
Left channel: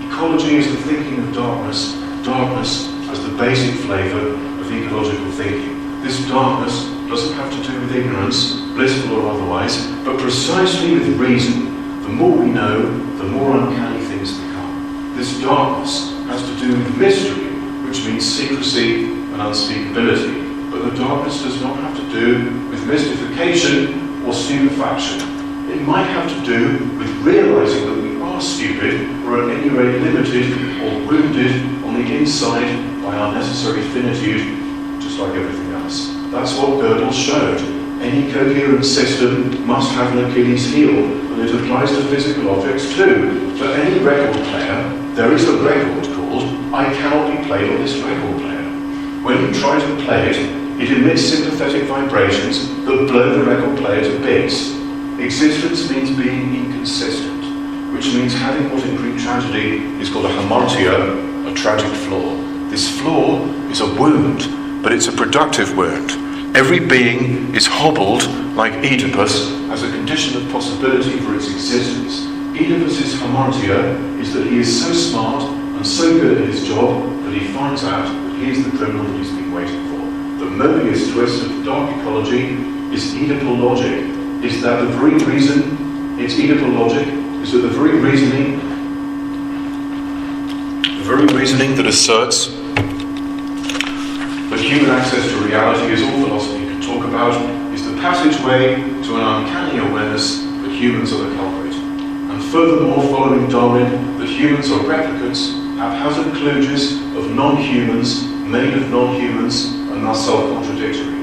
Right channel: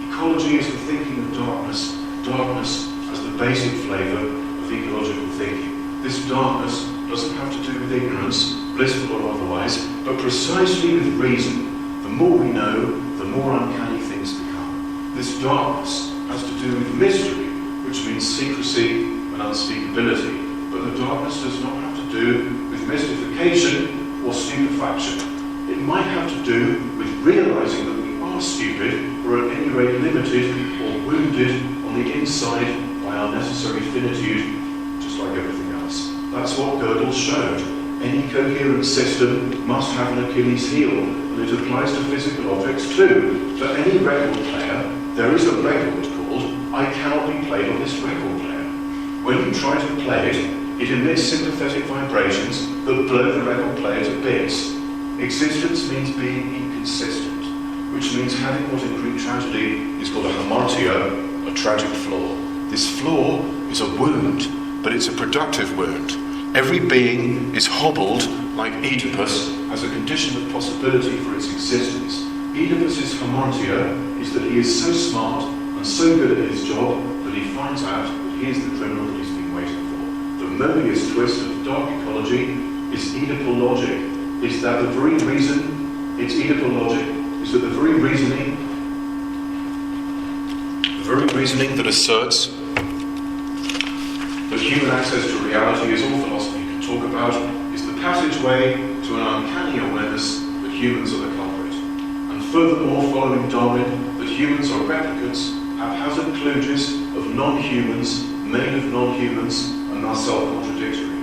Ecology is the thinking of darkness, darkness as the basic flavour of ecological thinking. This darkness doesn't have to do with ignorance, blissful or otherwise, but precisely with reason. The more we know, the more uncanny things become. This darkness has to do with mystery, which means secrecy and unspeakability. But the darkness does not have to do with mystification or stupefaction. It might have to do with realising that we are stupid, or at any rate limited or wounded on the inside by our necessary finitude, just like everything else. That's what Gödel showed. Any coherent system must have an Achilles heel, and it applies to physical objects too. For any record player, there is a record called "I cannot be played on this record player." When you try to play it, it emits sympathetic vibrations that blow the record player to bits. Existence means being inconsistent, which means having what in Greek tragedy is called a hamartia, a tragic flaw. This flaw is a wound, but it's a productive wound. Every being is hobbled, like Oedipus, as a condition of possibility for its existence. Oedipus's hamartia is that he is so smart and so good at his job that he finds out that he is the criminal that he's been waiting for. The Mobius twist of dark ecology is Oedipal logic. Is that the very reason it's Oedipal logic? Is that the very reasoning that asserts that human access to reality is all philosophy can talk about, is the passageway to an uncanny awareness that humans are the culprit. And furthermore, following Darwin, that humans are replicants, haphazard kludges of non-humans, made of non-humans, and thus self-contradictory.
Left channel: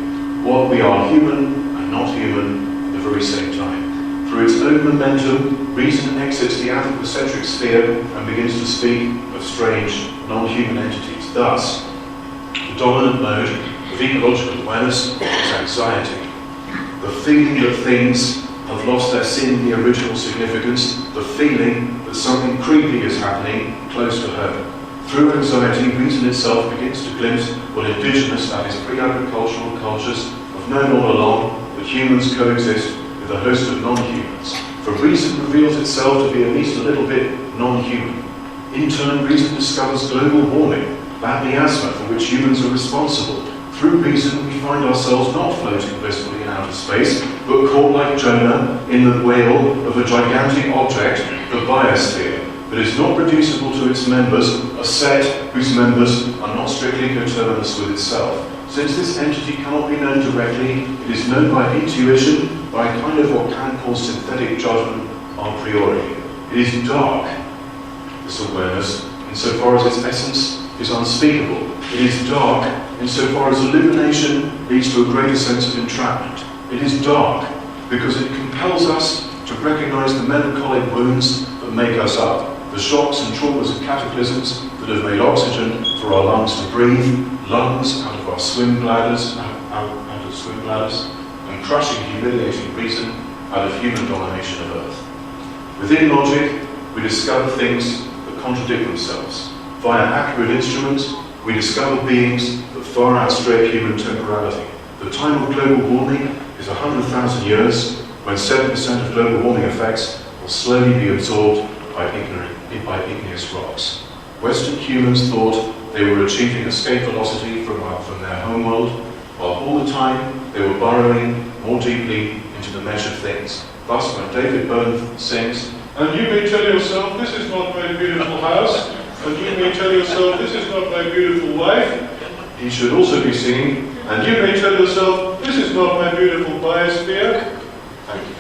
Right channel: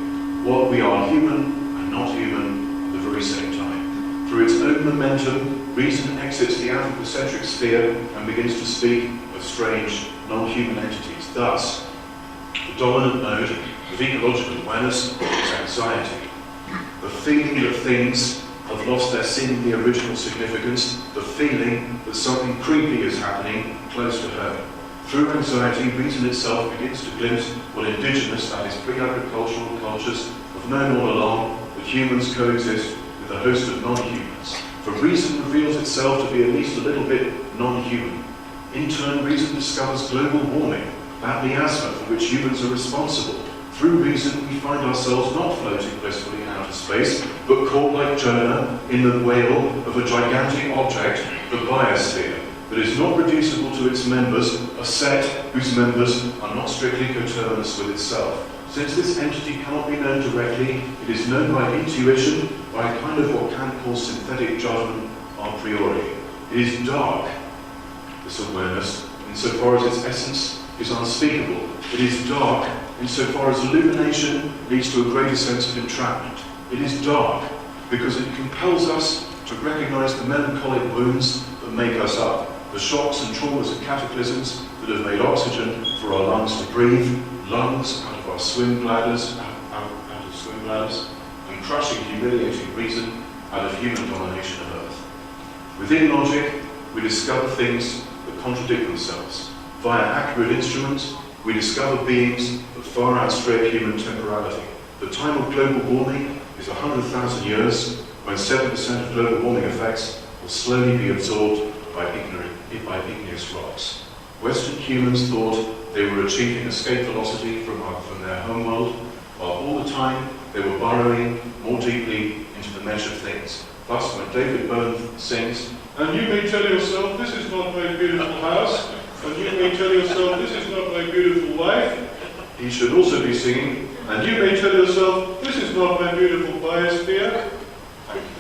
What we are human and not human at the very same time. Through its own momentum, reason exits the anthropocentric sphere and begins to speak of strange, non-human entities. Thus, the dominant mode of ecological awareness is anxiety. The feeling that things have lost their seemingly original significance, the feeling that something creepy is happening close to home. Through anxiety, reason itself begins to glimpse what indigenous, that is pre-agricultural cultures, have known all along, that humans coexist with a host of non-humans. For reason reveals itself to be at least a little bit non-human. In turn, reason discovers global warming, that miasma for which humans are responsible. Through reason, we find ourselves not floating blissfully in outer space, but caught like Jonah in the whale of a gigantic object, the biosphere, that is not reducible to its members, a set whose members are not strictly coterminous with itself. Since this entity cannot be known directly, it is known by intuition, by a kind of what Kant calls synthetic judgment a priori. It is dark, this awareness, insofar as its essence is unspeakable. It is dark insofar as illumination leads to a greater sense of entrapment. It is dark because it compels us to recognize the melancholic wounds that make us up, the shocks and traumas and cataclysms that have made oxygen for our lungs to breathe, lungs out of our swim bladders, and crushing, humiliating reason out of human domination of Earth. Within logic, we discover things that contradict themselves. Via accurate instruments, we discover beings that far outstrip human temporality. The time of global warming is 100,000 years, when 7% of global warming effects will slowly be absorbed by igneous rocks. Western humans thought they were achieving escape velocity from their homeworld, while all the time they were burrowing more deeply into the mesh of things. Thus, when David Byrne sings, "And you may tell yourself, this is not my beautiful house, and you may tell yourself, this is not my beautiful wife," he should also be singing, "And you may tell yourself, this is not my beautiful biosphere." Thank you.